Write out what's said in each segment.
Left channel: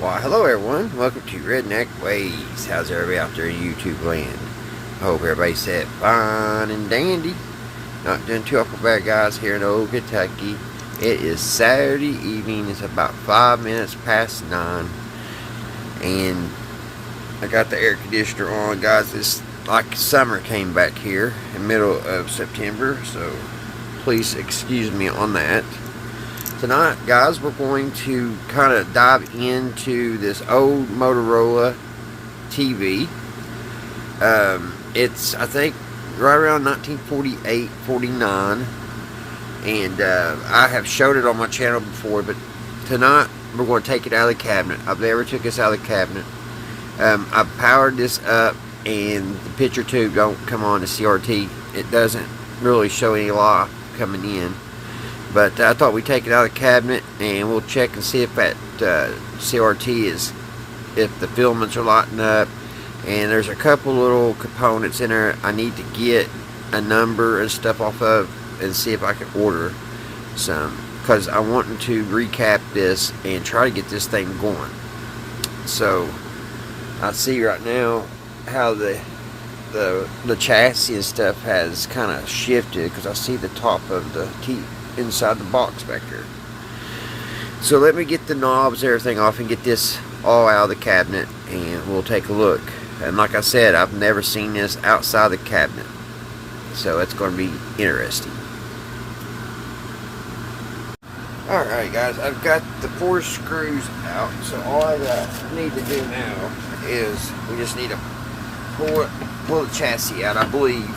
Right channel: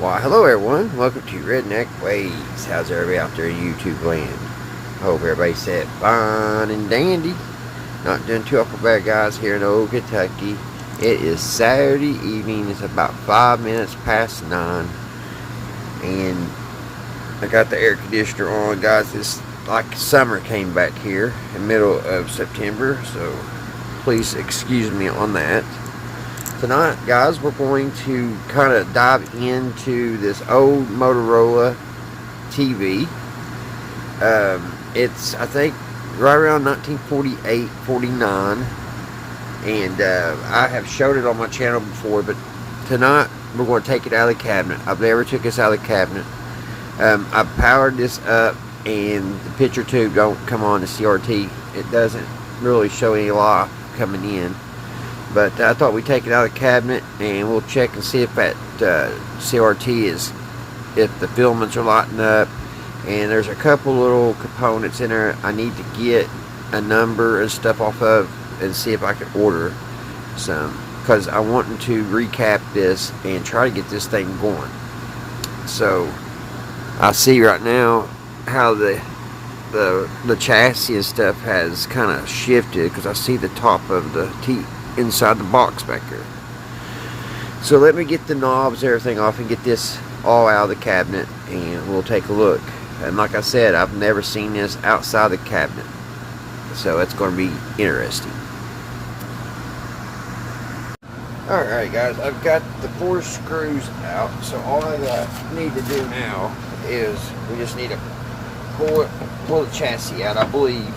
Why, hello everyone. Welcome to Redneck Ways. How's everybody out there in YouTube land? I hope everybody said fine and dandy. Not doing too awful bad, guys, here in old Kentucky. It is Saturday evening. It's about 5 minutes past 9. And I got the air conditioner on, guys. It's like summer came back here in the middle of September. So please excuse me on that. Tonight, guys, we're going to kind of dive into this old Motorola TV. It's, I think, right around 1948, 49. And I have showed it on my channel before, but tonight we're going to take it out of the cabinet. I've never took this out of the cabinet. I powered this up, and the picture tube don't come on the CRT. It doesn't really show any light coming in. But I thought we'd take it out of the cabinet and we'll check and see if that CRT is, if the filaments are lighting up. And there's a couple little components in there I need to get a number and stuff off of and see if I can order some. Because I want to recap this and try to get this thing going. So I see right now how the chassis and stuff has kind of shifted, because I see the top of the teeth inside the box back there. So let me get the knobs, everything off, and get this all out of the cabinet, and we'll take a look. And like I said, I've never seen this outside the cabinet, so it's going to be interesting. Alright guys, I've got the 4 screws out, so all I need to do now is we just need to pull the chassis out. I believe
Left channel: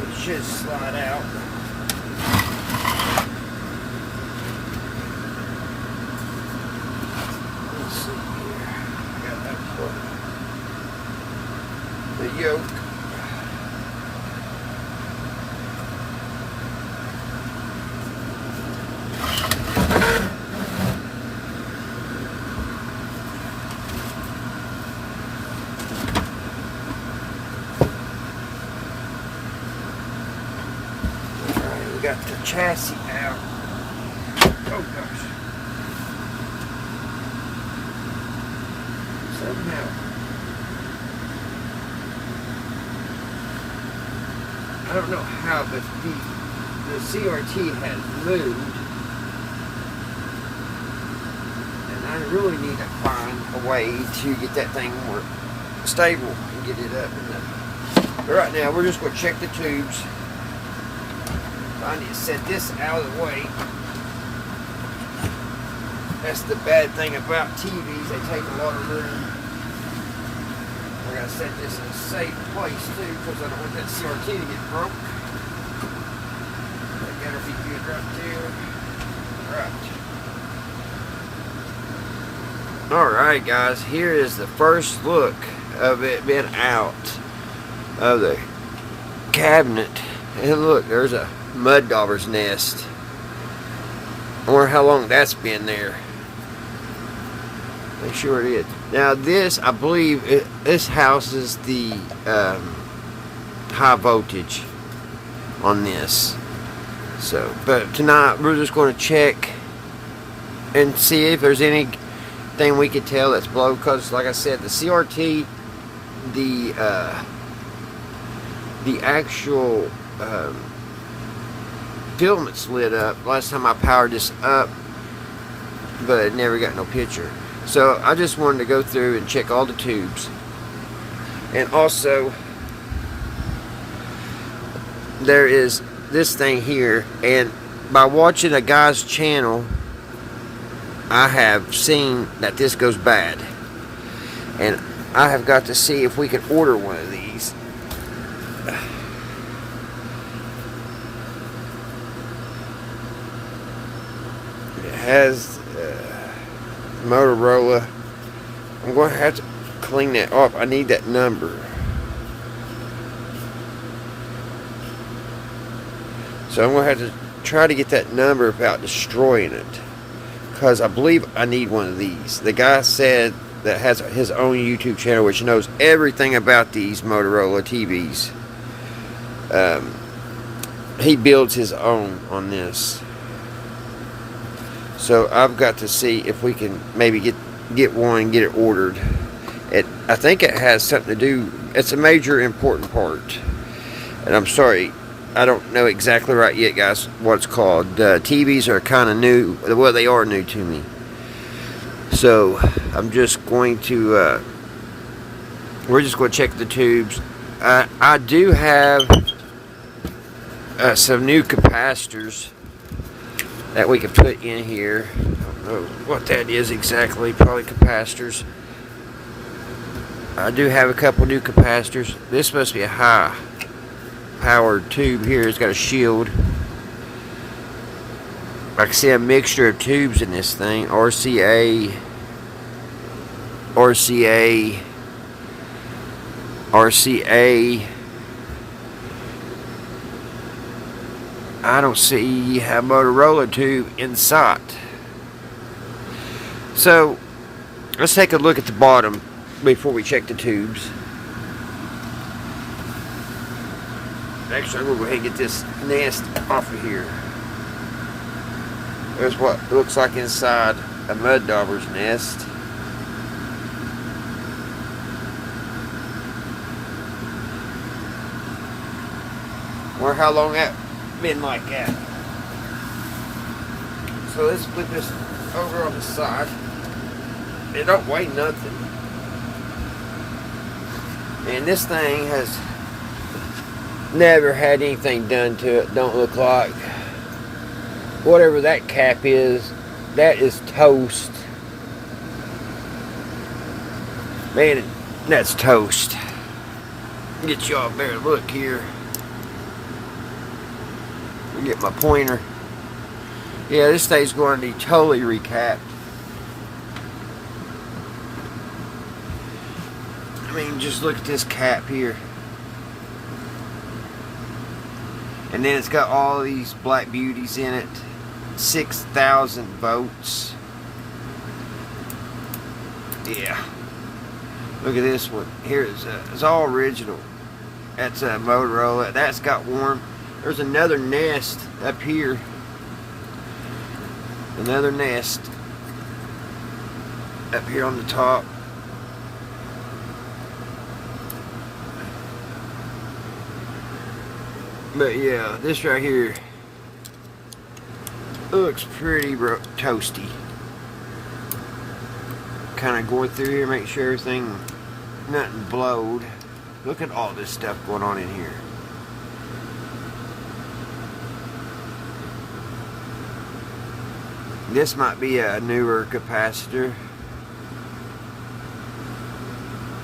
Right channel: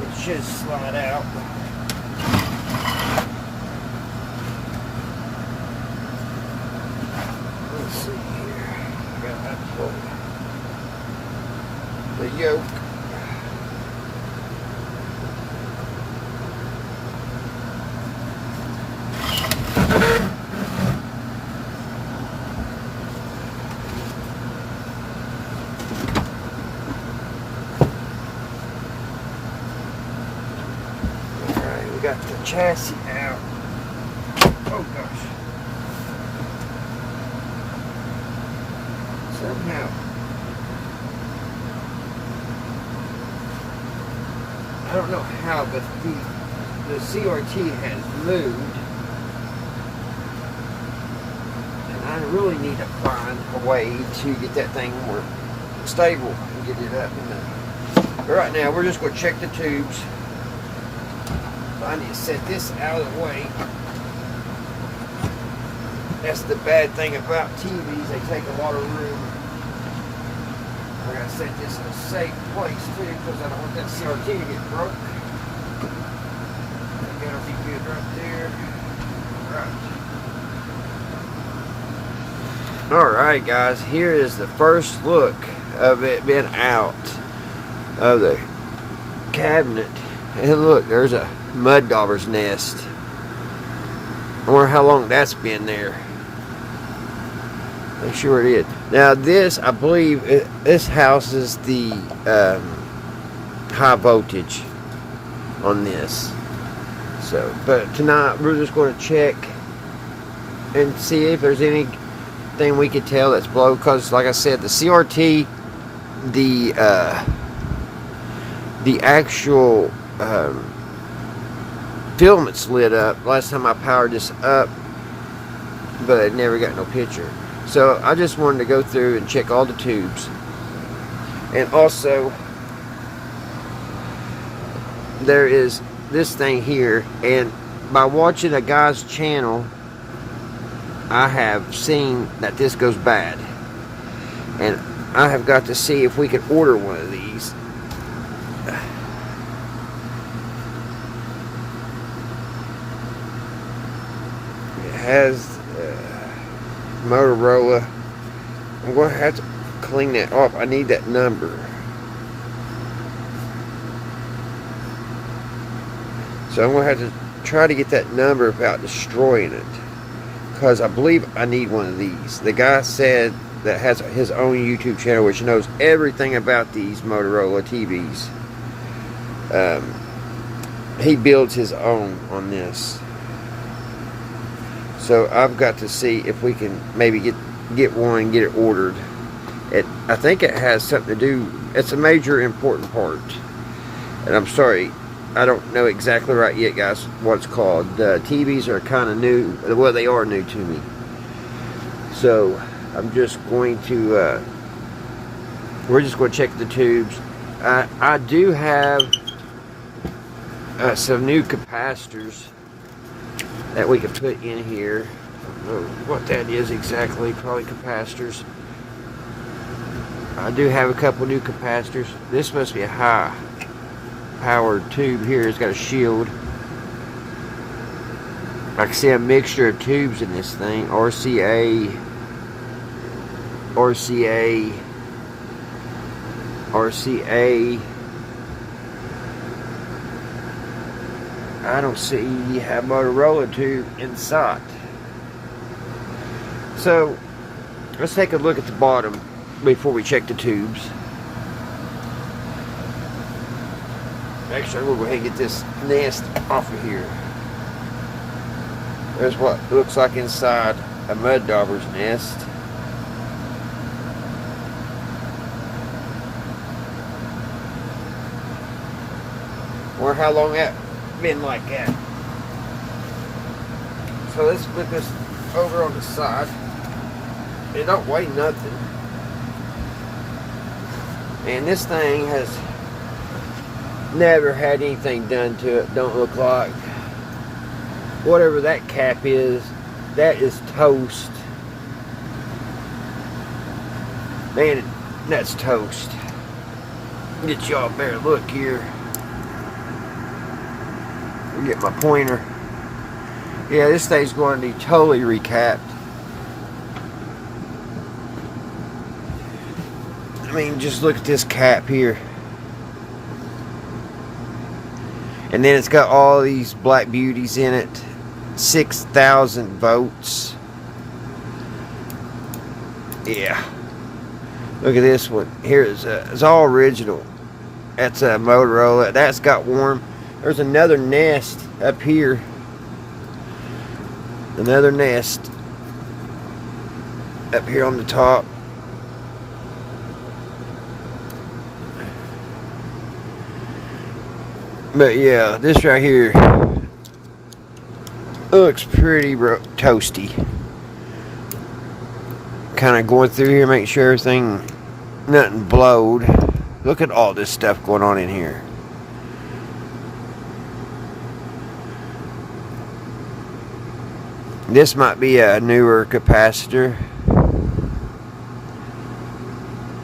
it should slide out. Let's see here. I got that for the yoke. Alright, we got the chassis out. Oh gosh. Somehow I don't know how, but the CRT has moved, and I really need to find a way to get that thing more stable and get it up. But right now we're just going to check the tubes. I need to set this out of the way. That's the bad thing about TVs, they take a lot of room. We're going to set this in a safe place too, because I don't want that CRT to get broke. That gotta be good right there. Right. Alright guys, here is the first look of it being out of the cabinet. And look, there's a mud dauber's nest. I wonder how long that's been there. Make sure it is. Now this, I believe, this houses the high voltage on this. So, but tonight we're just going to check and see if there's anything we could tell that's blown. Because, like I said, the CRT, the actual filaments lit up last time I powered this up, but it never got no picture. So I just wanted to go through and check all the tubes. And also, there is this thing here, and by watching a guy's channel, I have seen that this goes bad, and I have got to see if we could order one of these. It has Motorola. I'm going to have to clean that off. I need that number. So I'm going to have to try to get that number without destroying it, because I believe I need one of these. The guy said that has his own YouTube channel, which knows everything about these Motorola TVs. He builds his own on this. So I've got to see if we can maybe get one and get it ordered. I think it has something to do. It's a major important part. And I'm sorry, I don't know exactly right yet, guys, what it's called. TVs are kind of new. Well, they are new to me. So I'm just going to, we're just going to check the tubes. I do have some new capacitors that we can put in here. I don't know what that is exactly, probably capacitors. I do have a couple new capacitors. This must be a high powered tube here. It's got a shield. I can see a mixture of tubes in this thing. RCA, I don't see a Motorola tube in sight. So let's take a look at the bottom before we check the tubes. Actually, we'll go ahead and get this nest off of here. There's what looks like inside a mud dauber's nest. Or how long that been like that. So let's put this over on the side. It don't weigh nothing. And this thing has never had anything done to it. Don't look like. Whatever that cap is, that is toast. Man, that's toast. Get y'all a better look here. Get my pointer. Yeah, this thing's going to be totally recapped. I mean, just look at this cap here. And then it's got all these black beauties in it. 6,000 volts. Yeah. Look at this one. Here it's all original. That's a Motorola. That's got warm. There's another nest up here. Another nest up here on the top. But yeah, this right here looks pretty toasty. Kind of going through here, make sure everything, nothing blowed. Look at all this stuff going on in here. This might be a newer capacitor.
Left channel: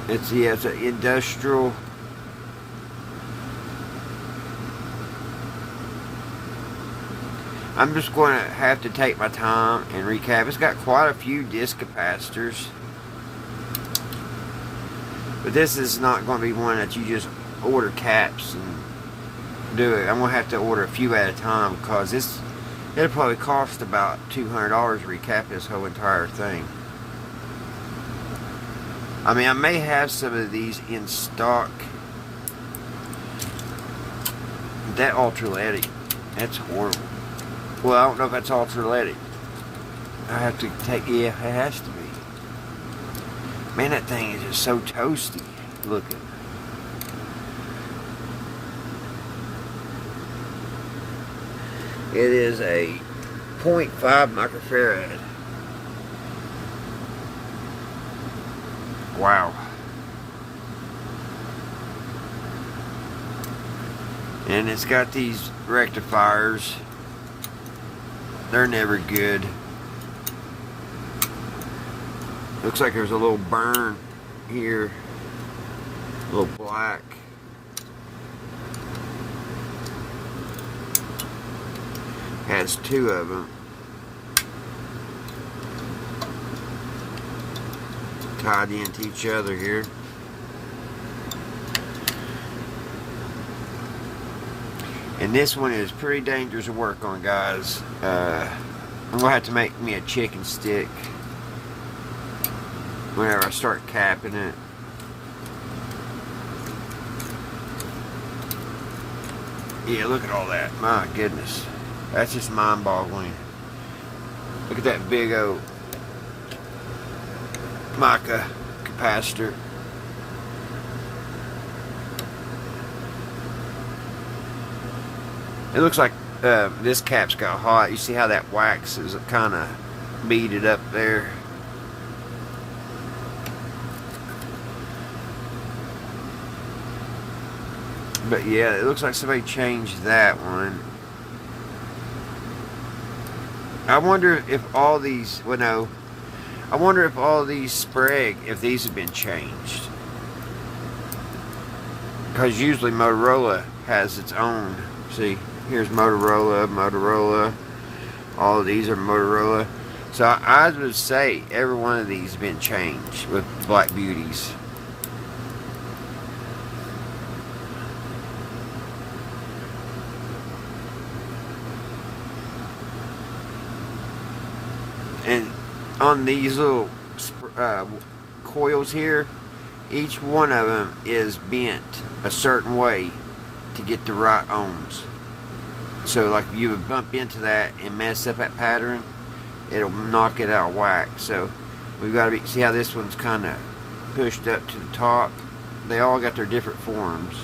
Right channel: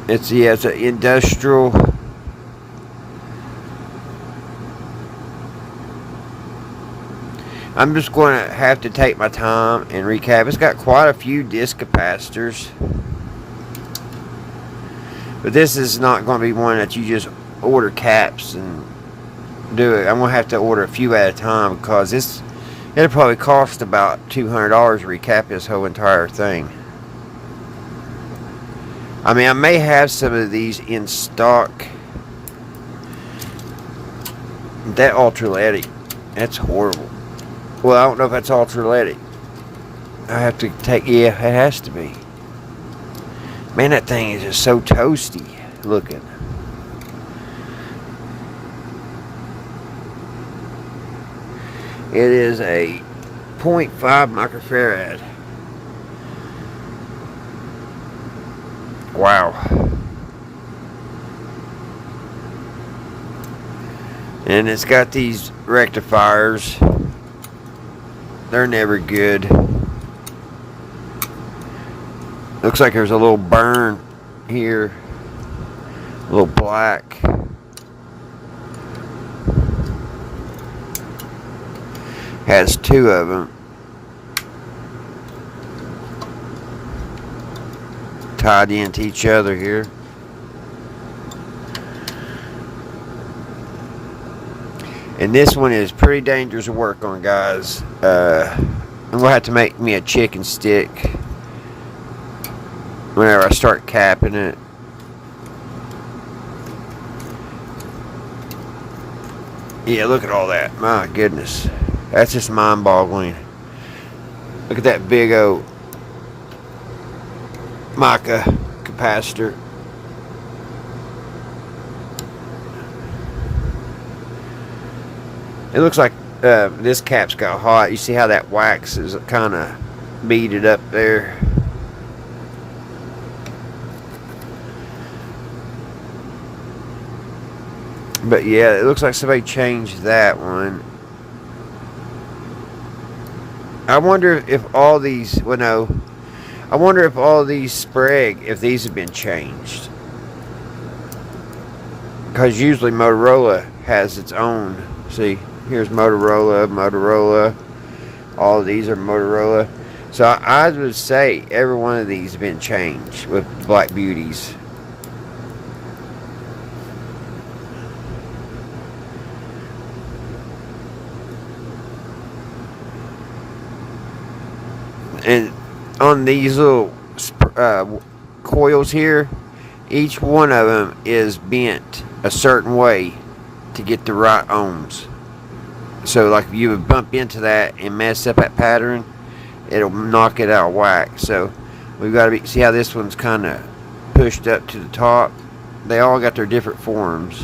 It's an industrial. I'm just going to have to take my time and recap. It's got quite a few disc capacitors. But this is not going to be one that you just order caps and do it. I'm going to have to order a few at a time because it'll probably cost about $200 to recap this whole entire thing. I mean, I may have some of these in stock. That ultraletic, that's horrible. Well, I don't know if that's ultraletic. I have to take, yeah, it has to be. Man, that thing is just so toasty looking. It is a 0.5 microfarad. Wow. And it's got these rectifiers. They're never good. Looks like there's a little burn here. A little black. Has two of them. Tied into each other here. And this one is pretty dangerous to work on, guys. I'm going to have to make me a chicken stick whenever I start capping it. Yeah, look at all that. My goodness. That's just mind-boggling. Look at that big old mica capacitor. It looks like this cap's got hot. You see how that wax is kind of beaded up there. But yeah, it looks like somebody changed that one. I wonder if all these, well no, I wonder if all these Sprague, if these have been changed. Because usually Motorola has its own. See, here's Motorola. All of these are Motorola. So I would say every one of these have been changed with Black Beauties. And on these little coils here, each one of them is bent a certain way to get the right ohms. So like if you would bump into that and mess up that pattern, it'll knock it out of whack. So we've got to see how this one's kind of pushed up to the top. They all got their different forms.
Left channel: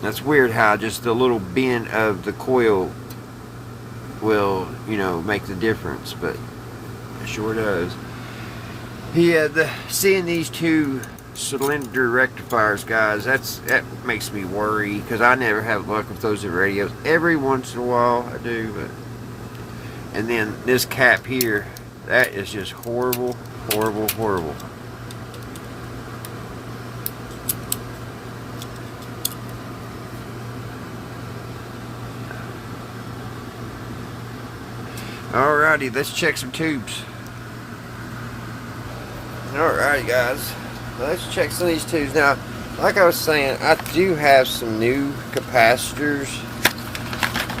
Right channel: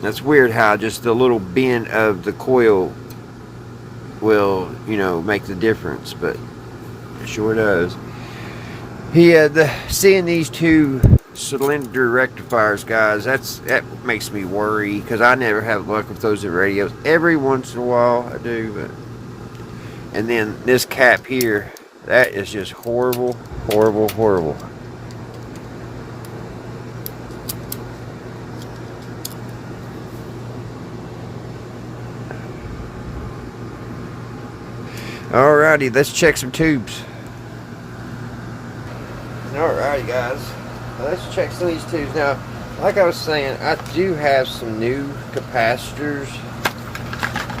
That's weird how just the little bend of the coil will, you know, make the difference, but it sure does. Seeing these two cylinder rectifiers, guys, that makes me worry, because I never have luck with those in radios. Every once in a while I do, but and then this cap here, that is just horrible, horrible, horrible. Alrighty, let's check some tubes. Alrighty, guys, let's check some of these tubes. Now, like I was saying, I do have some new capacitors.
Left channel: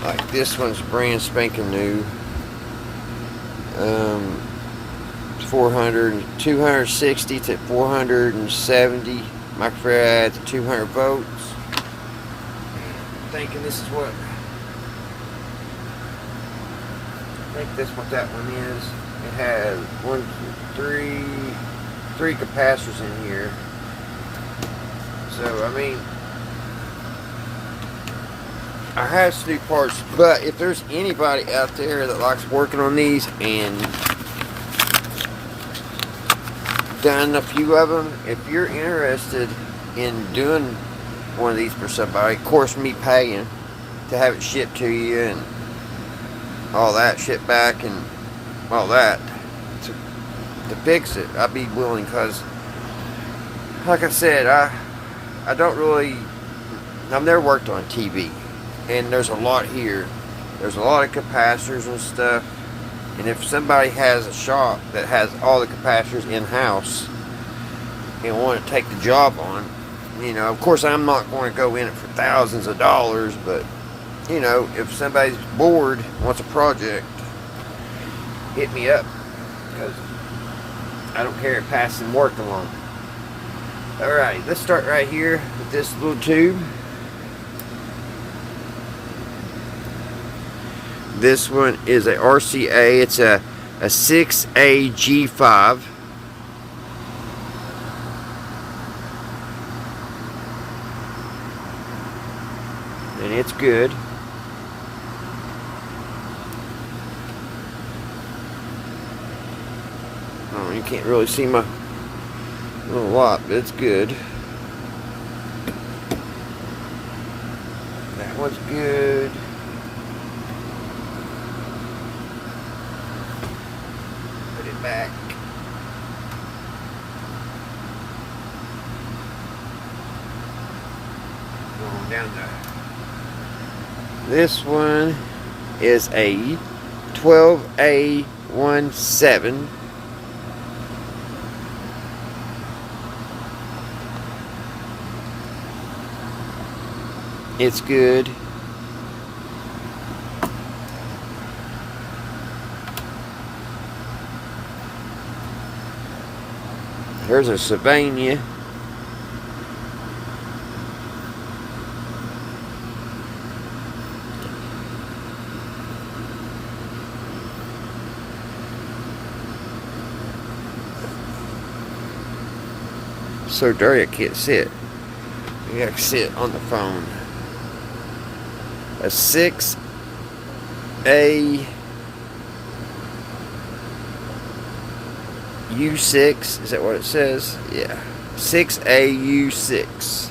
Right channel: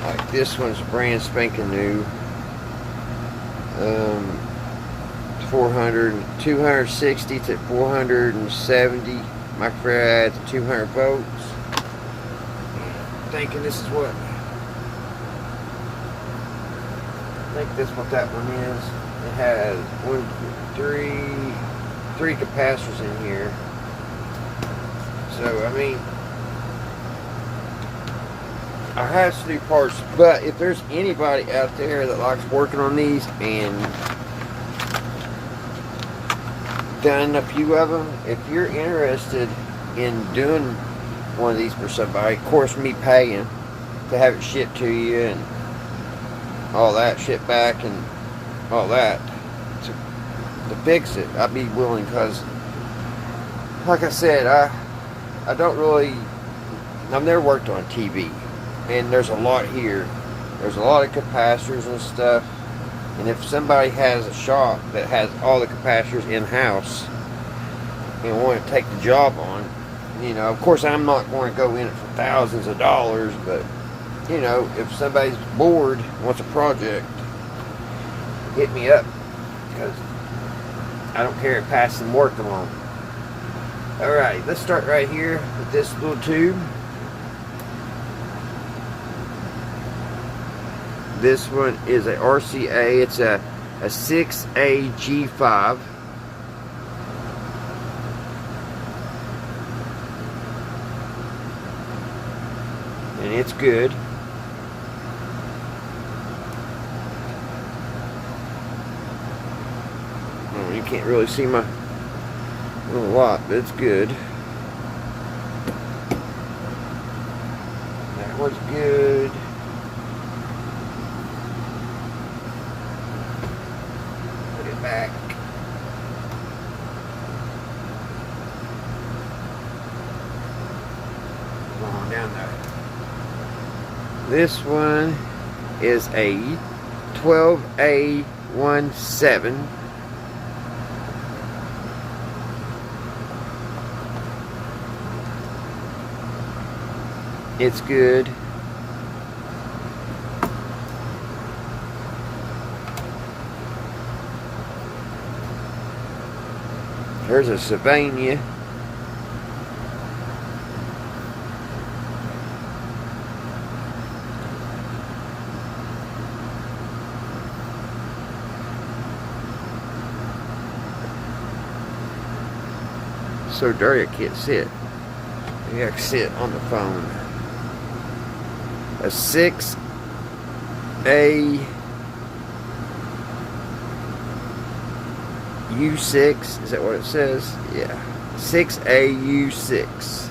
Like this one's brand spanking new. 260 to 470 microfarad to 200 volts. I'm thinking this is what. I think this is what that one is. It has three capacitors in here. So I mean, I have some new parts, but if there's anybody out there that likes working on these and done a few of them, if you're interested in doing one of these for somebody, of course me paying to have it shipped to you and all that, shipped back and all that, to fix it, I'd be willing, because like I said, I've never worked on a TV, and there's a lot here. There's a lot of capacitors and stuff, and if somebody has a shop that has all the capacitors in-house and want to take the job on, you know, of course I'm not going to go in it for thousands of dollars, but you know, if somebody's bored, wants a project, hit me up, because I don't care if passing work along. Alright, let's start right here with this little tube. This one is a RCA. It's a 6AG5. And it's good. Oh, you can't really see my little lot, but it's good. That one's good. Put it back. Go on down there. This one is a 12A17. It's good. There's a Sylvania. so dirty I can't sit. You gotta sit on the phone. A 6A U6, is that what it says? Yeah. 6A U6.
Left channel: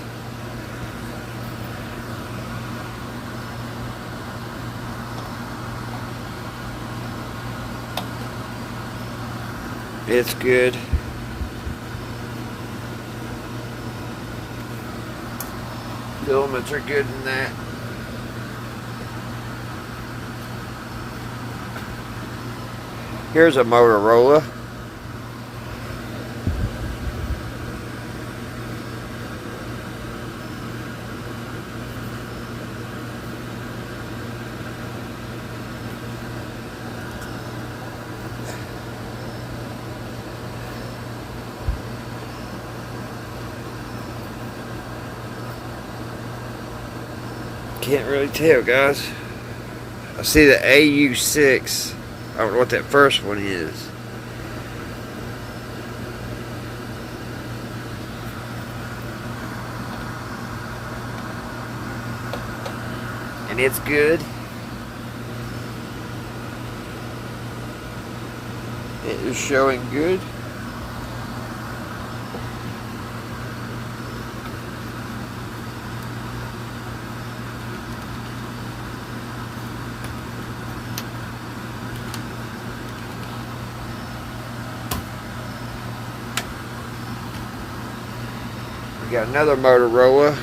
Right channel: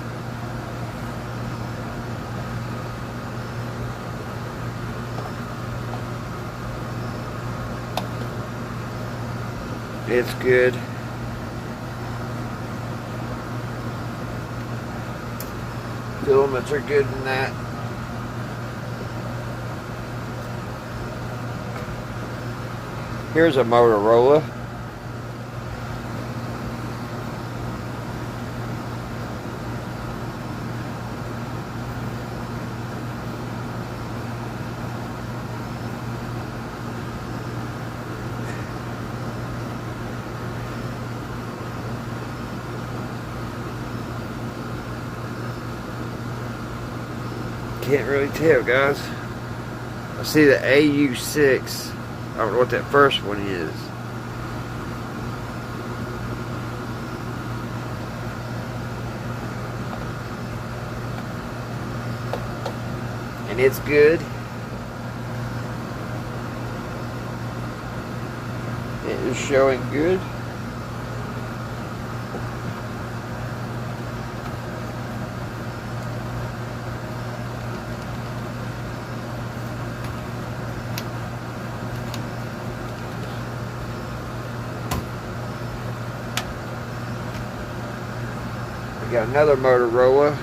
It's good. Filaments are good in that. Here's a Motorola. Can't really tell, guys. I see the AU6. I don't know what that first one is. And it's good. It is showing good. We got another Motorola.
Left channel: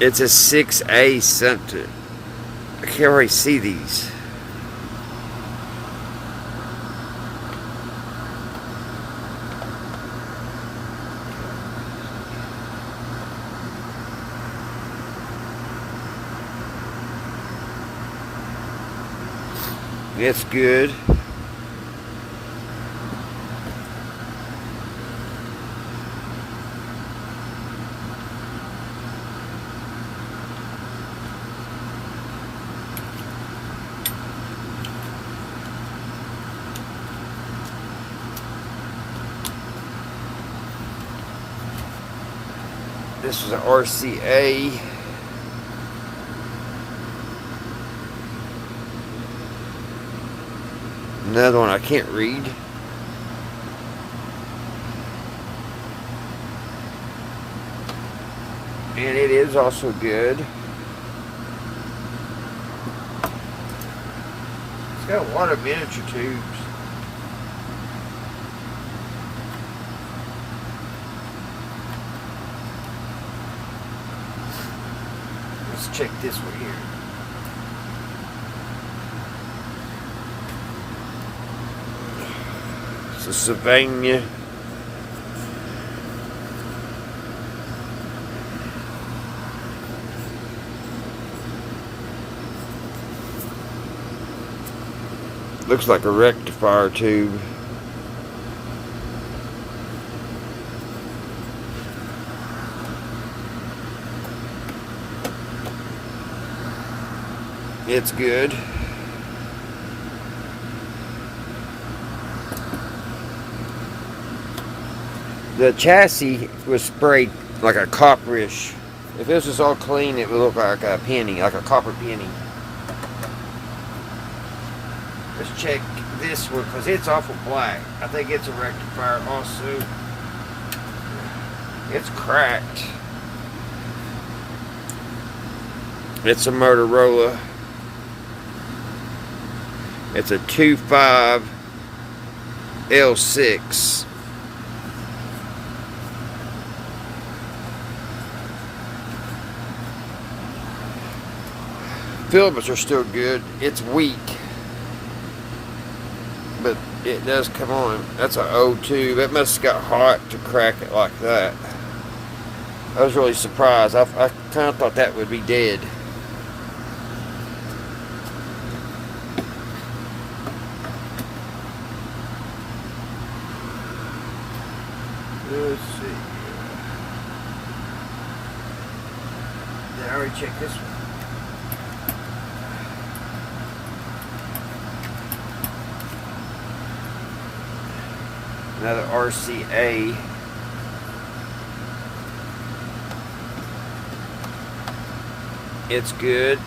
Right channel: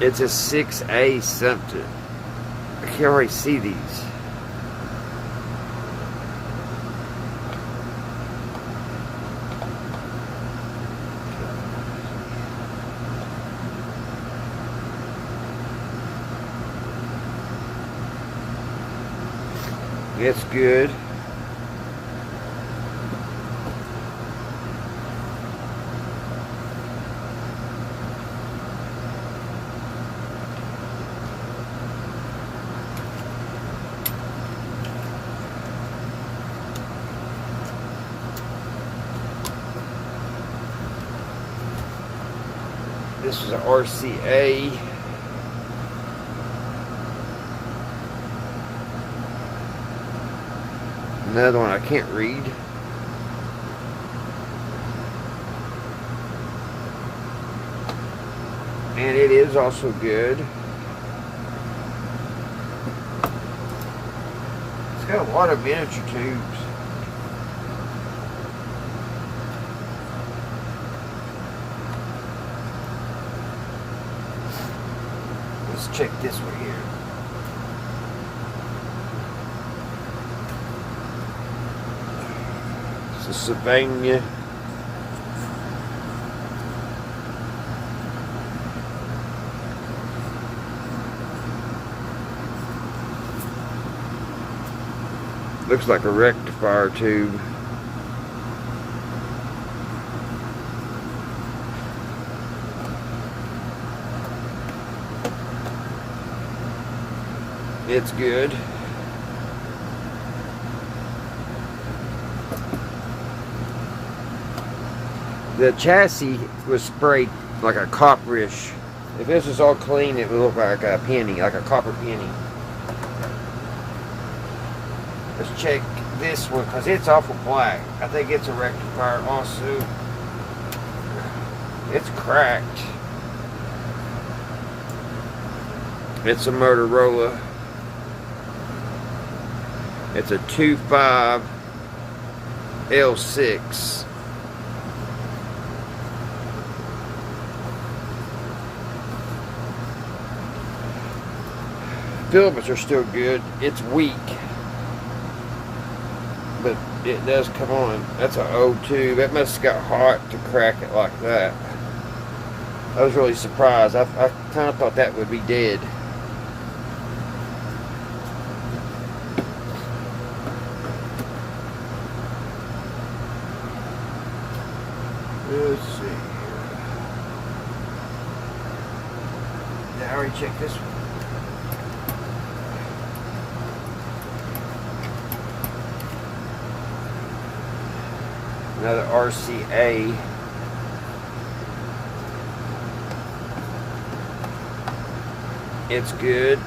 It's a 6A something. I can't really see these. It's good. This is an RCA. Another one I can't read. And it is also good. It's got a lot of miniature tubes. Let's check this one here. It's a Savannah. Looks like a rectifier tube. It's good. The chassis was sprayed like a copperish. If this was all clean, it would look like a penny, like a copper penny. Let's check this one because it's awful black. I think it's a rectifier also. It's cracked. It's a Motorola. It's a 2.5 L6. Filaments are still good. It's weak, but it does come on. That's an O2. That must have got hot to crack it like that. I was really surprised. I kind of thought that would be dead. Let's see. Yeah, I already checked this one. Another RCA. It's good.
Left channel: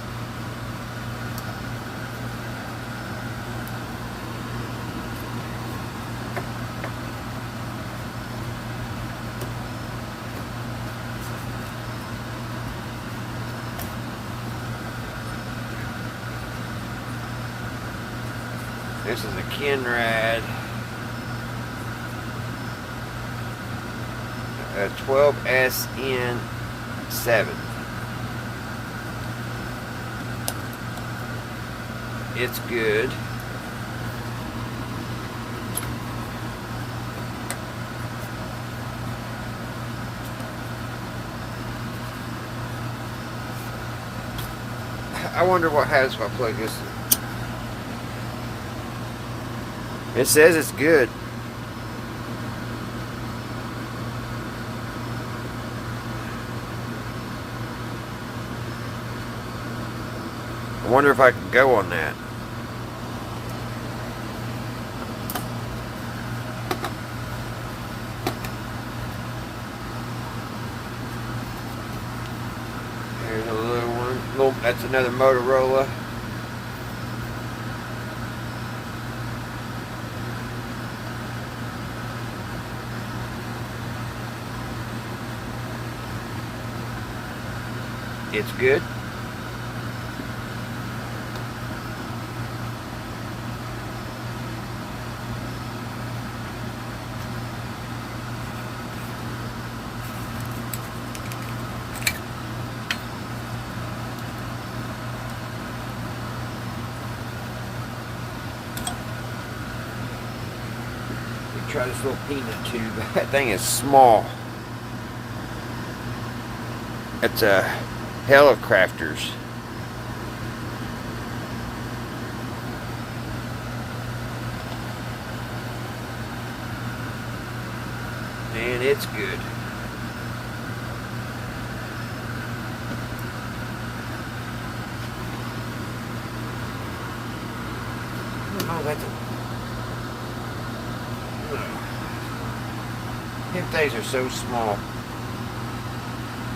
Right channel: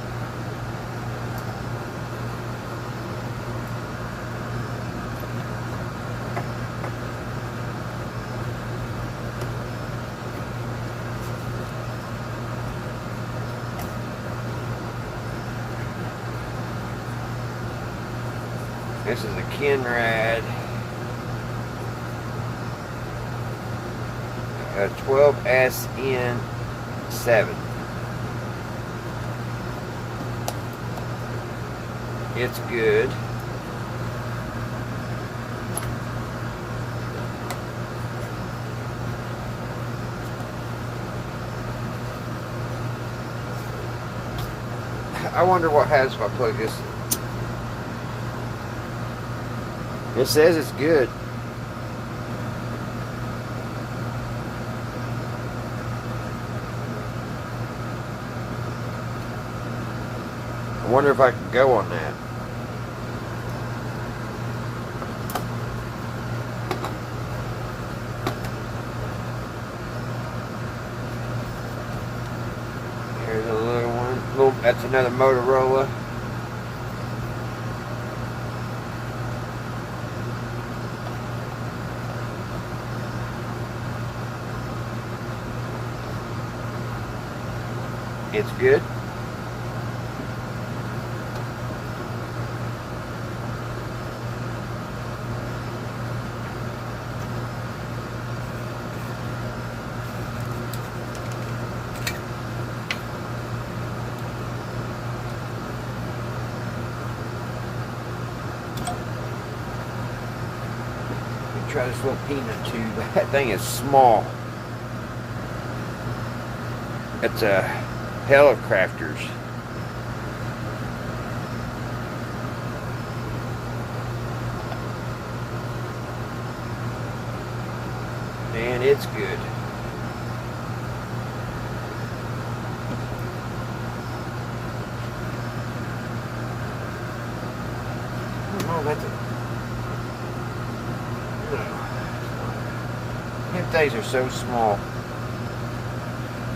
This is a Kenrad 12SN7. It's good. I wonder what happens if I plug this in. It says it's good. I wonder if I can go on that. Here's a little one. That's another Motorola. It's good. Try this little peanut tube. That thing is small. It's a Helicrafters. And it's good. Oh, that's a... Them things are so small.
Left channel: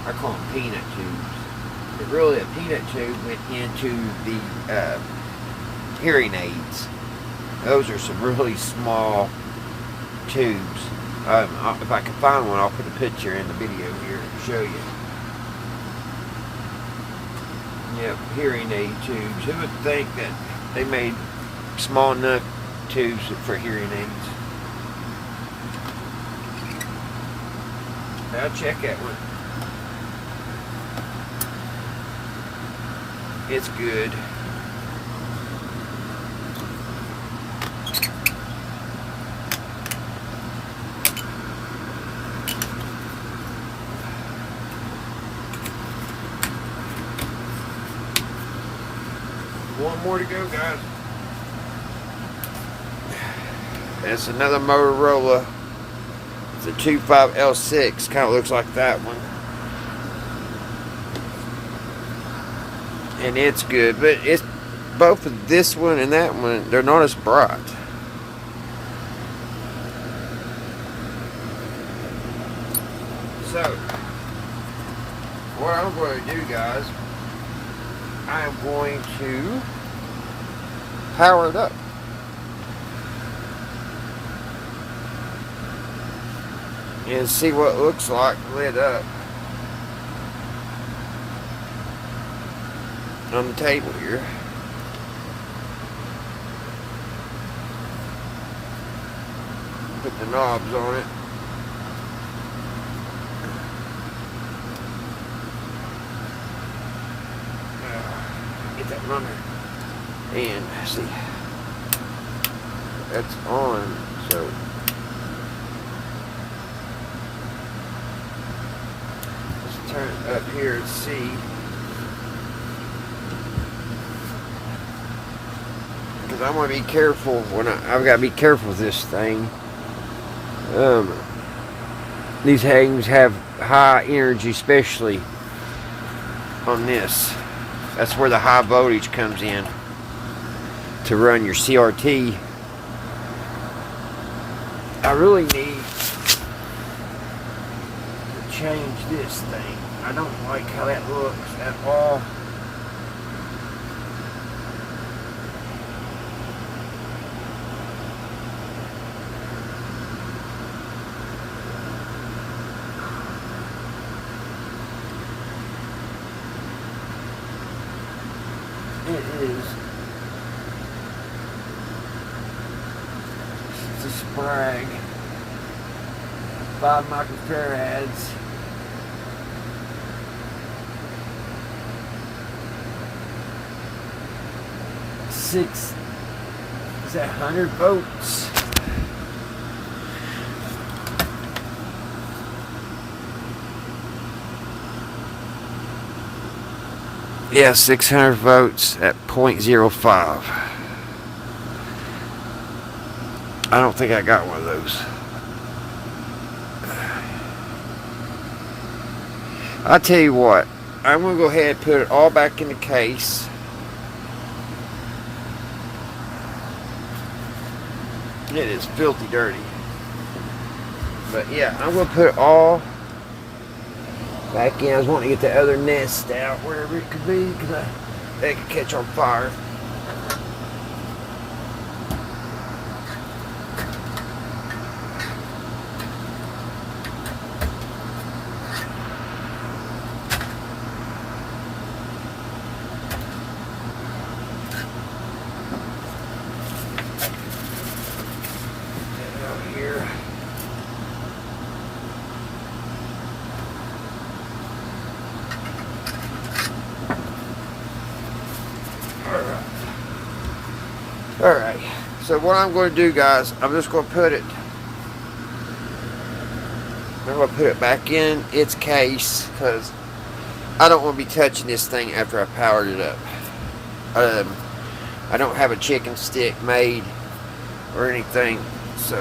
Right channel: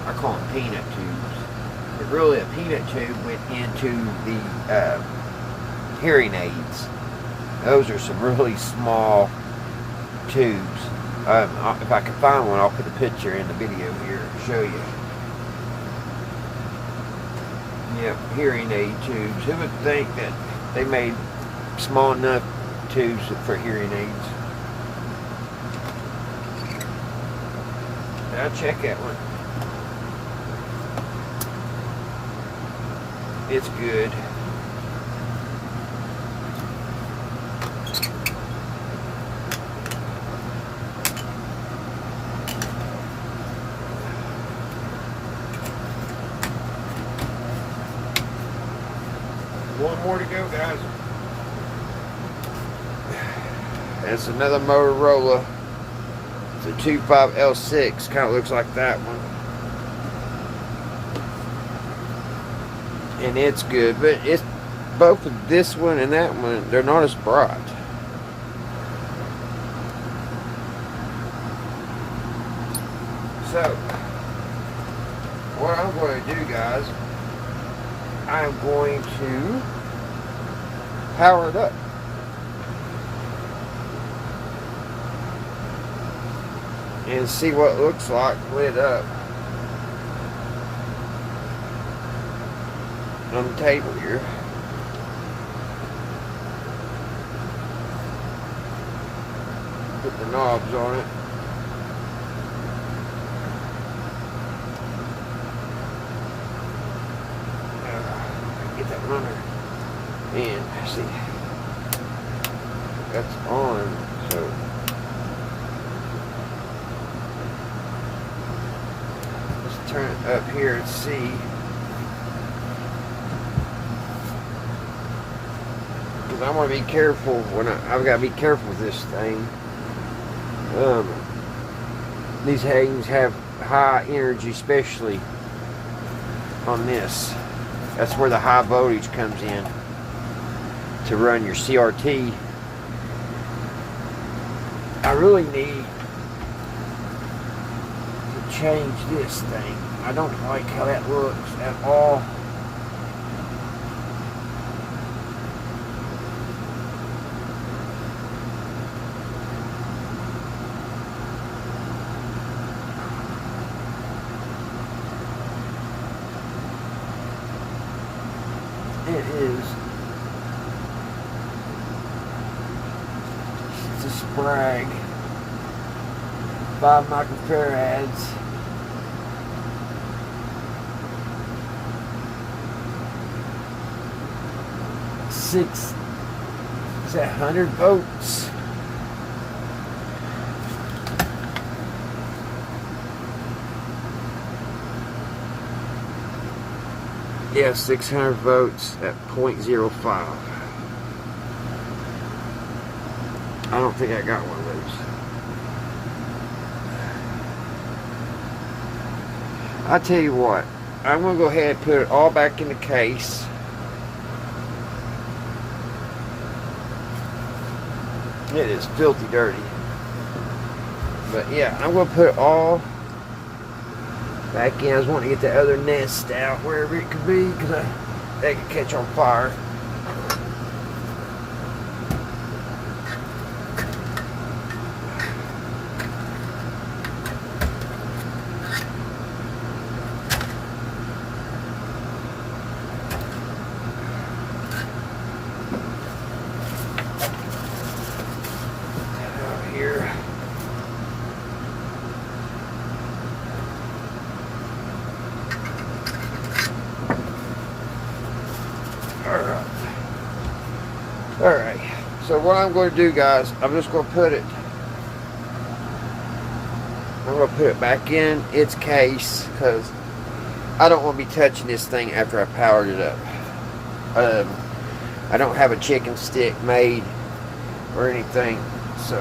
I call them peanut tubes. But really, a peanut tube went into the hearing aids. Those are some really small tubes. If I can find one, I'll put a picture in the video here to show you. Yep, hearing aid tubes. Who would think that they made small enough tubes for hearing aids? I'll check that one. It's good. One more to go, guys. That's another Motorola. It's a 25L6. Kind of looks like that one. And it's good, but it's both of this one and that one, they're not as bright. So, what I'm going to do, guys, I'm going to power it up. And see what it looks like lit up on the table here. Put the knobs on it. Get that runner. And see, that's on. So let's turn it up here and see. I'm gonna be careful when I've got to be careful with this thing. These things have high energy, especially on this. That's where the high voltage comes in to run your CRT. I really need to change this thing. I don't like how that looks at all. It is. It's a Sprag. 5 microfarads. 6. Is that 100 volts? Yeah, 600 volts at 0.05. I don't think I got one of those. I'll tell you what, I'm going to go ahead and put it all back in the case. It is filthy dirty. But yeah, I'm going to put it all back in. I was wanting to get the other nest out wherever it could be because that could catch on fire. Here. Alright, so what I'm going to do, guys, I'm just going to put it, back in its case because I don't want to be touching this thing after I powered it up. I don't have a chicken stick made or anything, so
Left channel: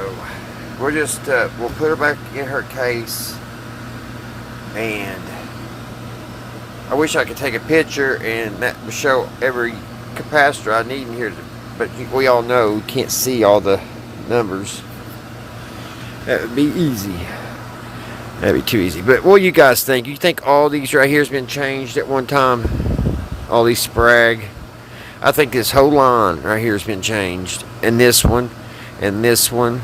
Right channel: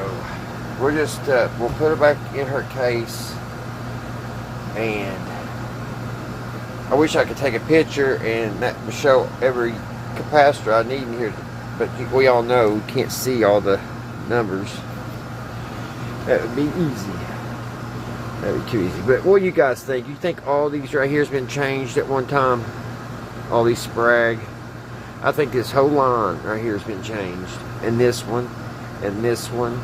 we're just, we'll put her back in her case, and I wish I could take a picture and that would show every capacitor I need in here, but we all know we can't see all the numbers. That would be easy. That'd be too easy. But what do you guys think? You think all these right here has been changed at one time? All these Sprag? I think this whole line right here has been changed. And this one. And this one.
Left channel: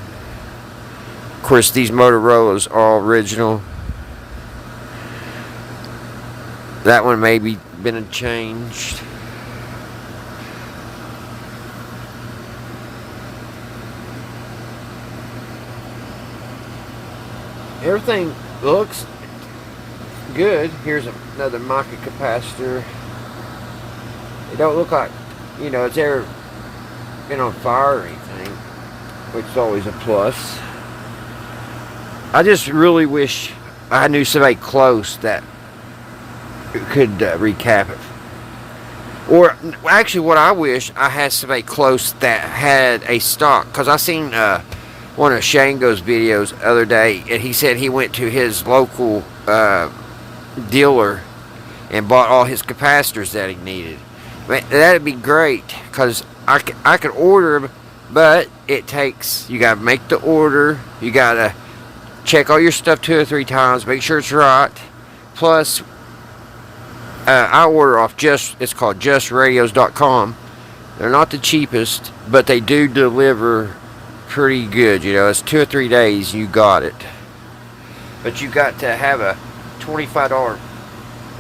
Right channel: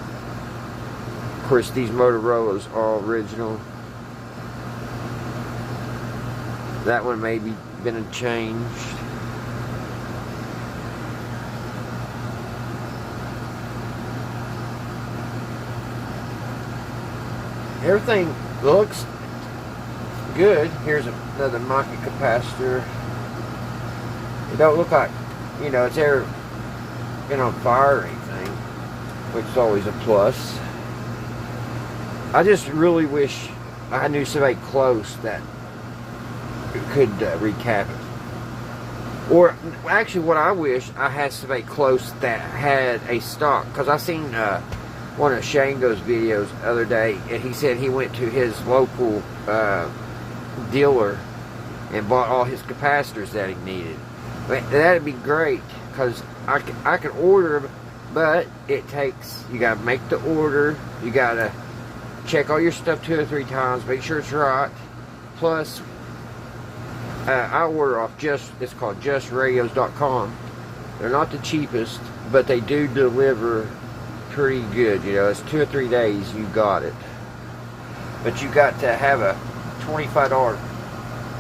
Of course, these Motorola's are all original. That one maybe been changed. Everything looks good. Here's another micro capacitor. It don't look like, you know, it's ever been on fire or anything, which is always a plus. I just really wish I knew somebody close that could recap it. Or actually, what I wish I had somebody close that had a stock, because I seen one of Shango's videos the other day, and he said he went to his local dealer and bought all his capacitors that he needed. That'd be great, because I could order them, but it takes, you gotta make the order, you gotta check all your stuff 2 or 3 times, make sure it's right. Plus, I order off it's called justradios.com. They're not the cheapest, but they do deliver pretty good. You know, it's 2 or 3 days you got it, but you got to have a $25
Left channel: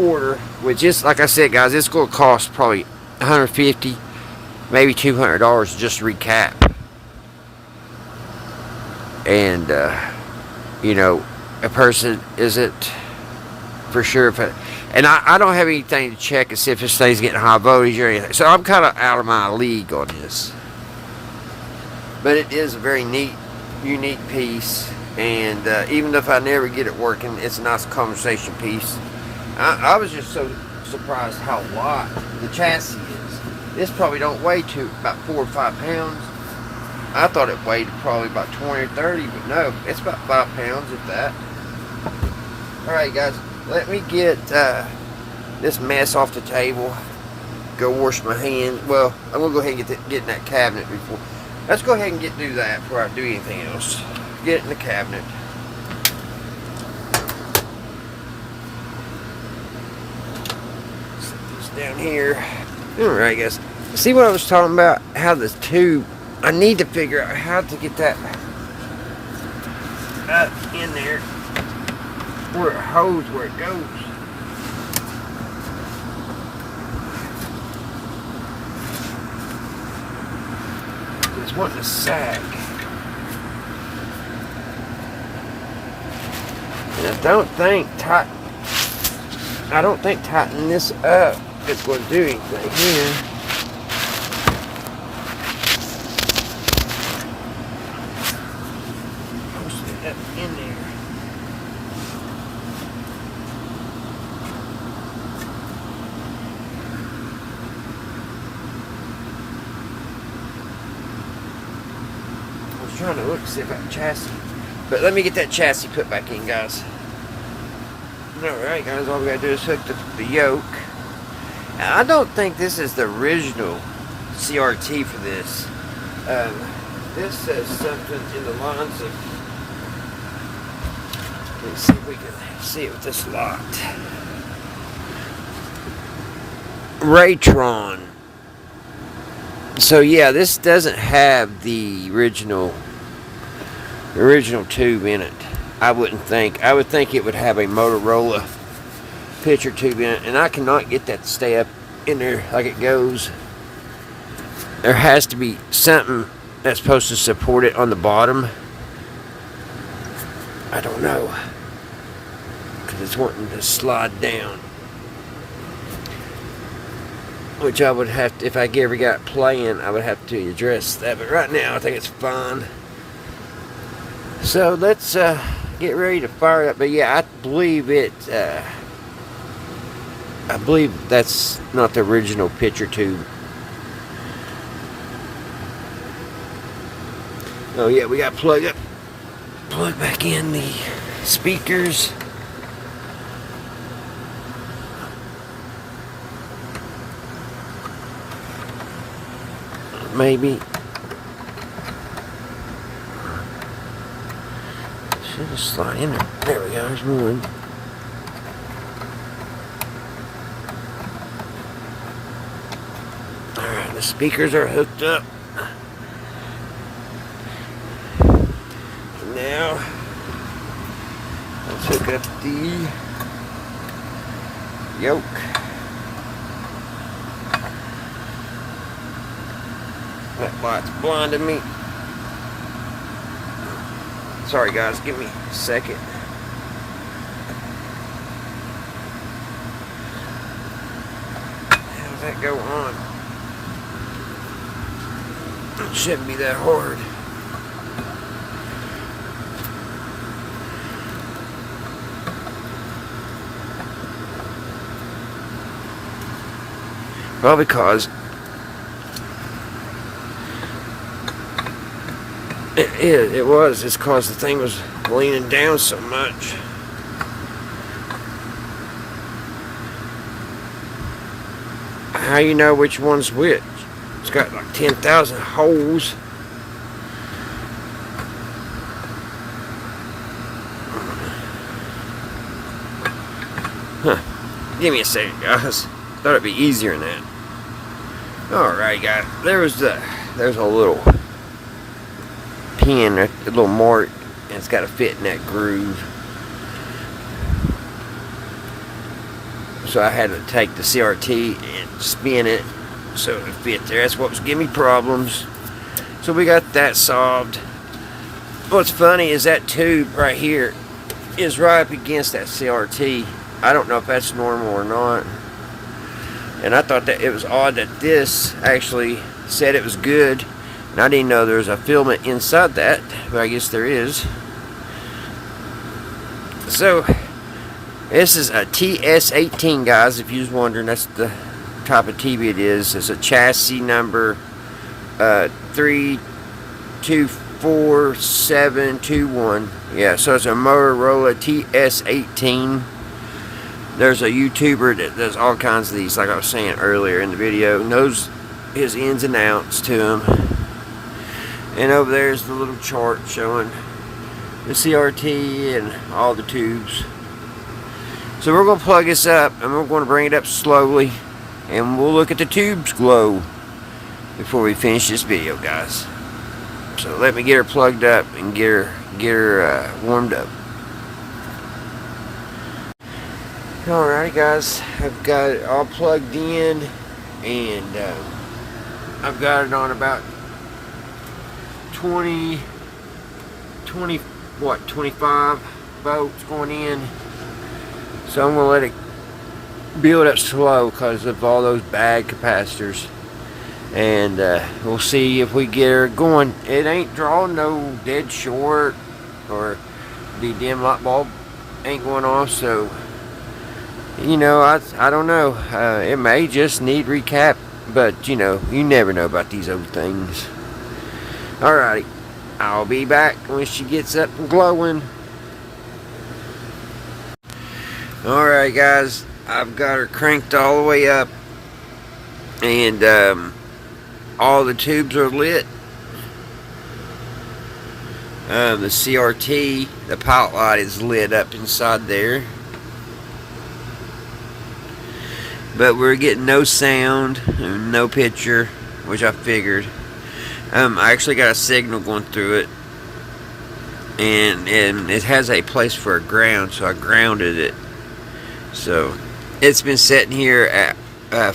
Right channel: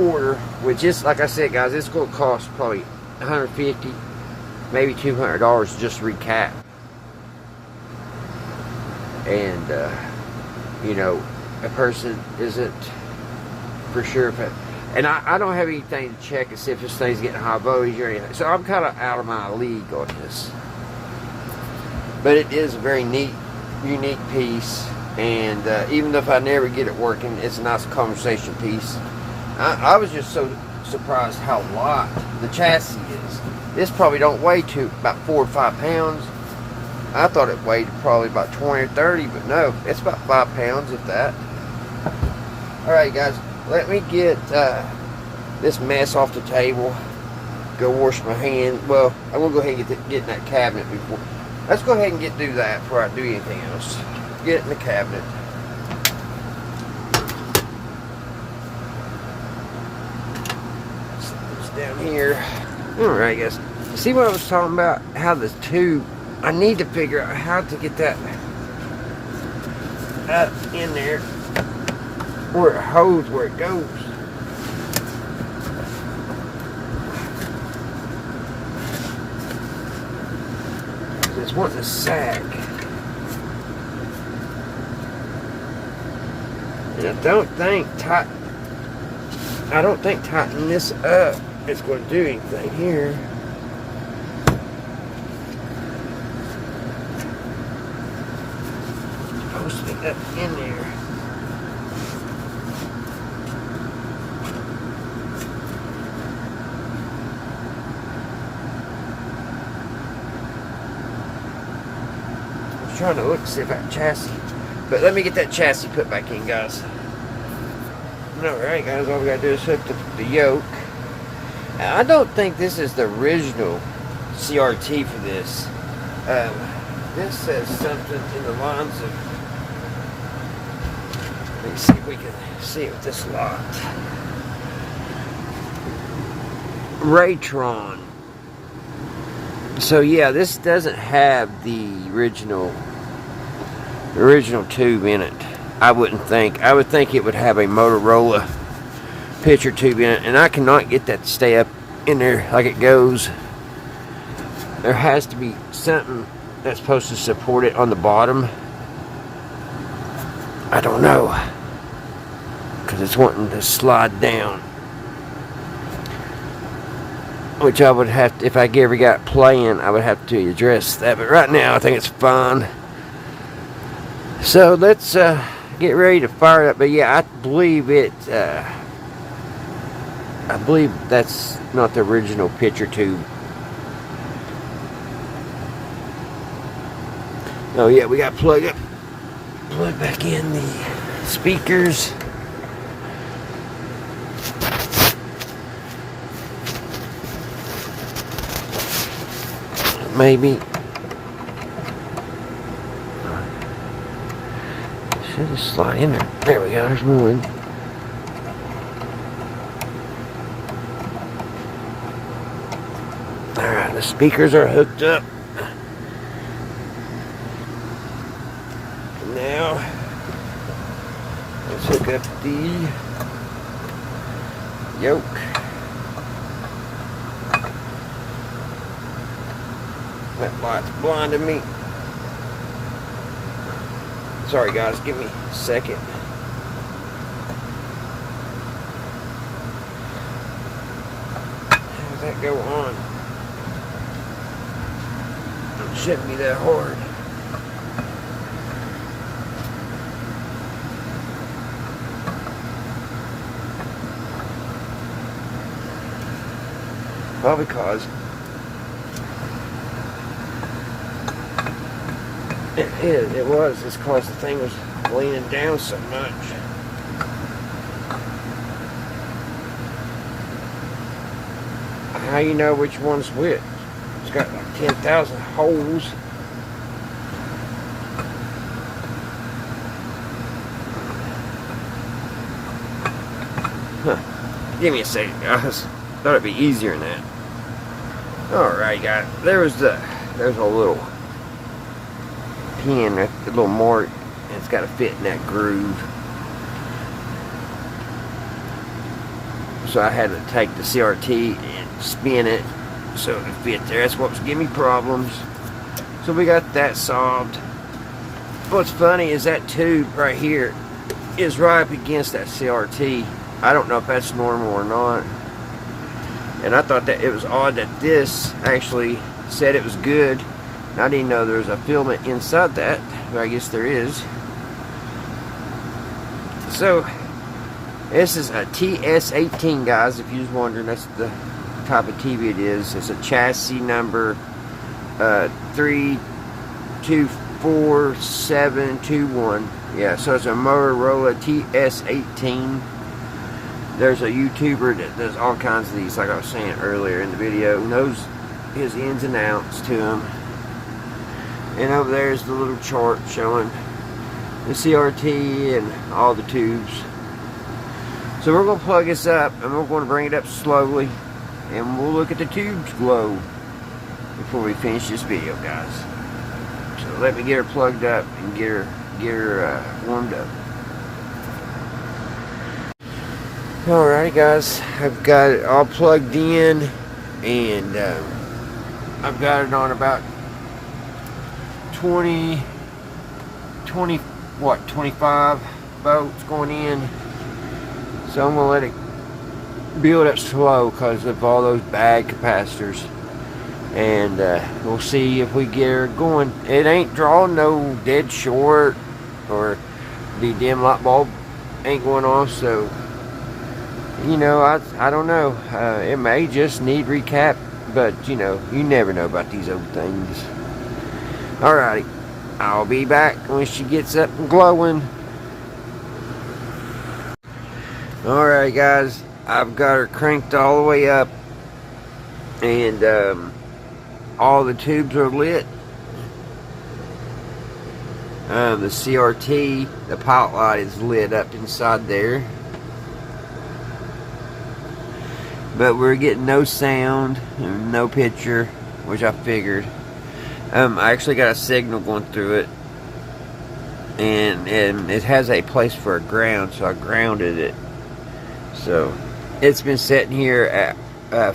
order, which is, like I said, guys, it's going to cost probably $150, maybe $200 just to recap. And you know, a person isn't for sure if and I don't have anything to check and see if this thing's getting high voltage or anything, so I'm kind of out of my league on this. But it is a very neat, unique piece, and even if I never get it working, it's a nice conversation piece. I was just so surprised how light the chassis is. This probably don't weigh about 4 or 5 pounds. I thought it weighed probably about 20 or 30, but no, it's about 5 pounds, if that. Alright, guys, let me get this mess off the table. Go wash my hand. Well, I'm going to go ahead and get in that cabinet before. Let's go ahead and do that before I do anything else. get it in the cabinet. Set this down here. Alright, guys. See what I was talking about? How the tube, I need to figure out how to get that up in there where it holds, where it goes. It's wanting to sag. And I don't think tightening this up is going to do anything here. Post it up in there. I was trying to look to see if I can chassis, but let me get that chassis put back in, guys. Alright, guys, all we gotta do is hook the yoke. And I don't think this is the original CRT for this. This says something in the lines of. Let's see if we can see it with this locked. Raytron. So yeah, this doesn't have the original tube in it. I wouldn't think. I would think it would have a Motorola picture tube in it, and I cannot get that to stay up in there like it goes. There has to be something that's supposed to support it on the bottom. I don't know, because it's wanting to slide down, which I would have to, if I ever got playing, I would have to address that. But right now I think it's fine. So let's get ready to fire it up. But yeah, I believe it. I believe that's not the original picture tube. Oh yeah, we got to plug back in the speakers. Maybe. Should just slide in there. There we go, there's one. Alright, the speakers are hooked up. Now, let's hook up the yoke. That light's blinding me. Sorry guys, give me a second. How does that go on? It shouldn't be that hard. Well, because it was. It's because the thing was leaning down so much. How you know which one's which? It's got like 10,000 holes. Huh. Give me a second, guys. Thought it'd be easier than that. Alright, guys. There's a little pin, a little mark, and it's got to fit in that groove. So I had to take the CRT and spin it so it fit there. That's what was giving me problems. So we got that solved. What's funny is that tube right here is right up against that CRT. I don't know if that's normal or not. And I thought that it was odd that this actually said it was good. And I didn't know there was a filament inside that, but I guess there is. So, this is a TS18, guys, if you was wondering. That's the type of TV it is. It's a chassis number 324721. Yeah, so it's a Motorola TS18. There's a YouTuber that does all kinds of these, like I was saying earlier in the video. Knows his ins and outs to them. And over there's the little chart showing the CRT and all the tubes. So we're going to plug this up and we're going to bring it up slowly and we'll look at the tubes glow before we finish this video, guys. So let me get her plugged up and get her warmed up. Alright guys, I've got it all plugged in and I've got it on about 25 volts going in. So I'm going to let it build up slow because of all those bad capacitors. And we'll see if we get her going. It ain't drawing no dead short or the dim light bulb ain't going off. So, you know, I don't know. It may just need recap. But, you know, you never know about these old things. Alrighty. I'll be back when she gets up and glowing. Alright guys, I've got her cranked all the way up and all the tubes are lit. The CRT, the pilot light is lit up inside there. But we're getting no sound, no picture, which I figured. I actually got a signal going through it. And it has a place for a ground, so I grounded it. So it's been sitting here at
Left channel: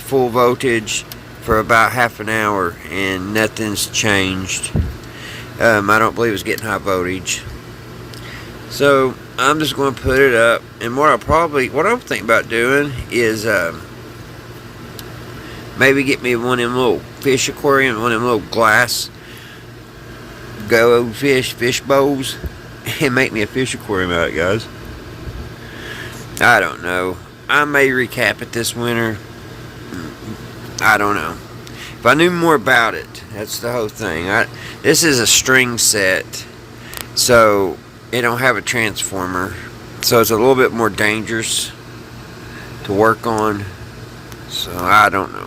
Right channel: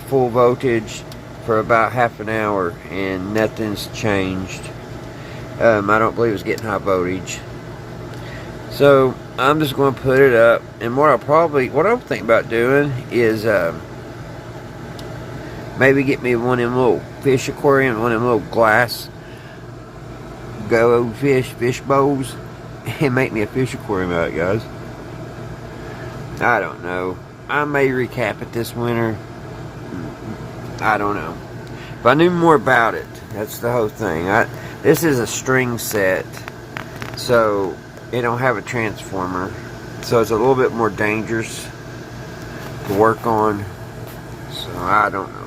full voltage for about half an hour and nothing's changed. I don't believe it's getting high voltage. So I'm just going to put it up, and what I'm thinking about doing is maybe get me one of them little fish aquarium, one of them little glass fish bowls, and make me a fish aquarium out of it, guys. I don't know. I may recap it this winter. I don't know. If I knew more about it, that's the whole thing. This is a string set, so it don't have a transformer, so it's a little bit more dangerous to work on. So I don't know.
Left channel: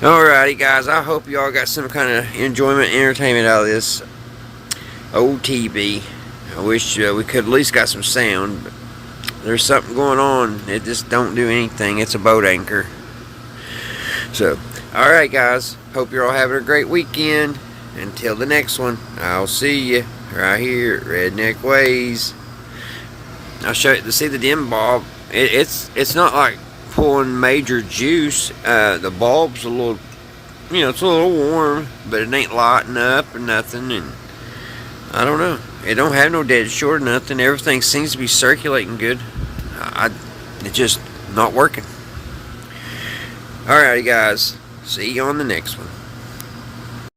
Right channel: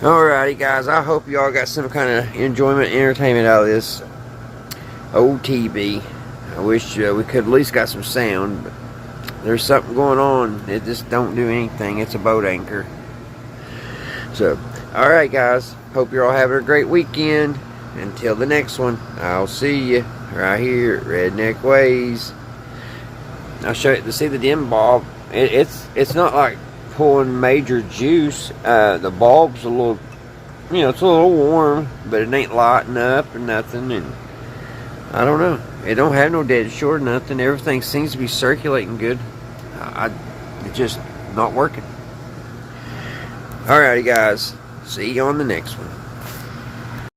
Alrighty guys, I hope y'all got some kind of enjoyment, entertainment out of this old TV. I wish we could at least got some sound, but there's something going on. It just don't do anything. It's a boat anchor. So, alright guys, hope you're all having a great weekend. Until the next one, I'll see you right here at Redneck Ways. I'll show you to see the dim bulb. It's not like pulling major juice. The bulb's a little, you know, it's a little warm, but it ain't lighting up or nothing. And I don't know. It don't have no dead short or nothing. Everything seems to be circulating good. It's just not working. Alrighty guys, see you on the next one.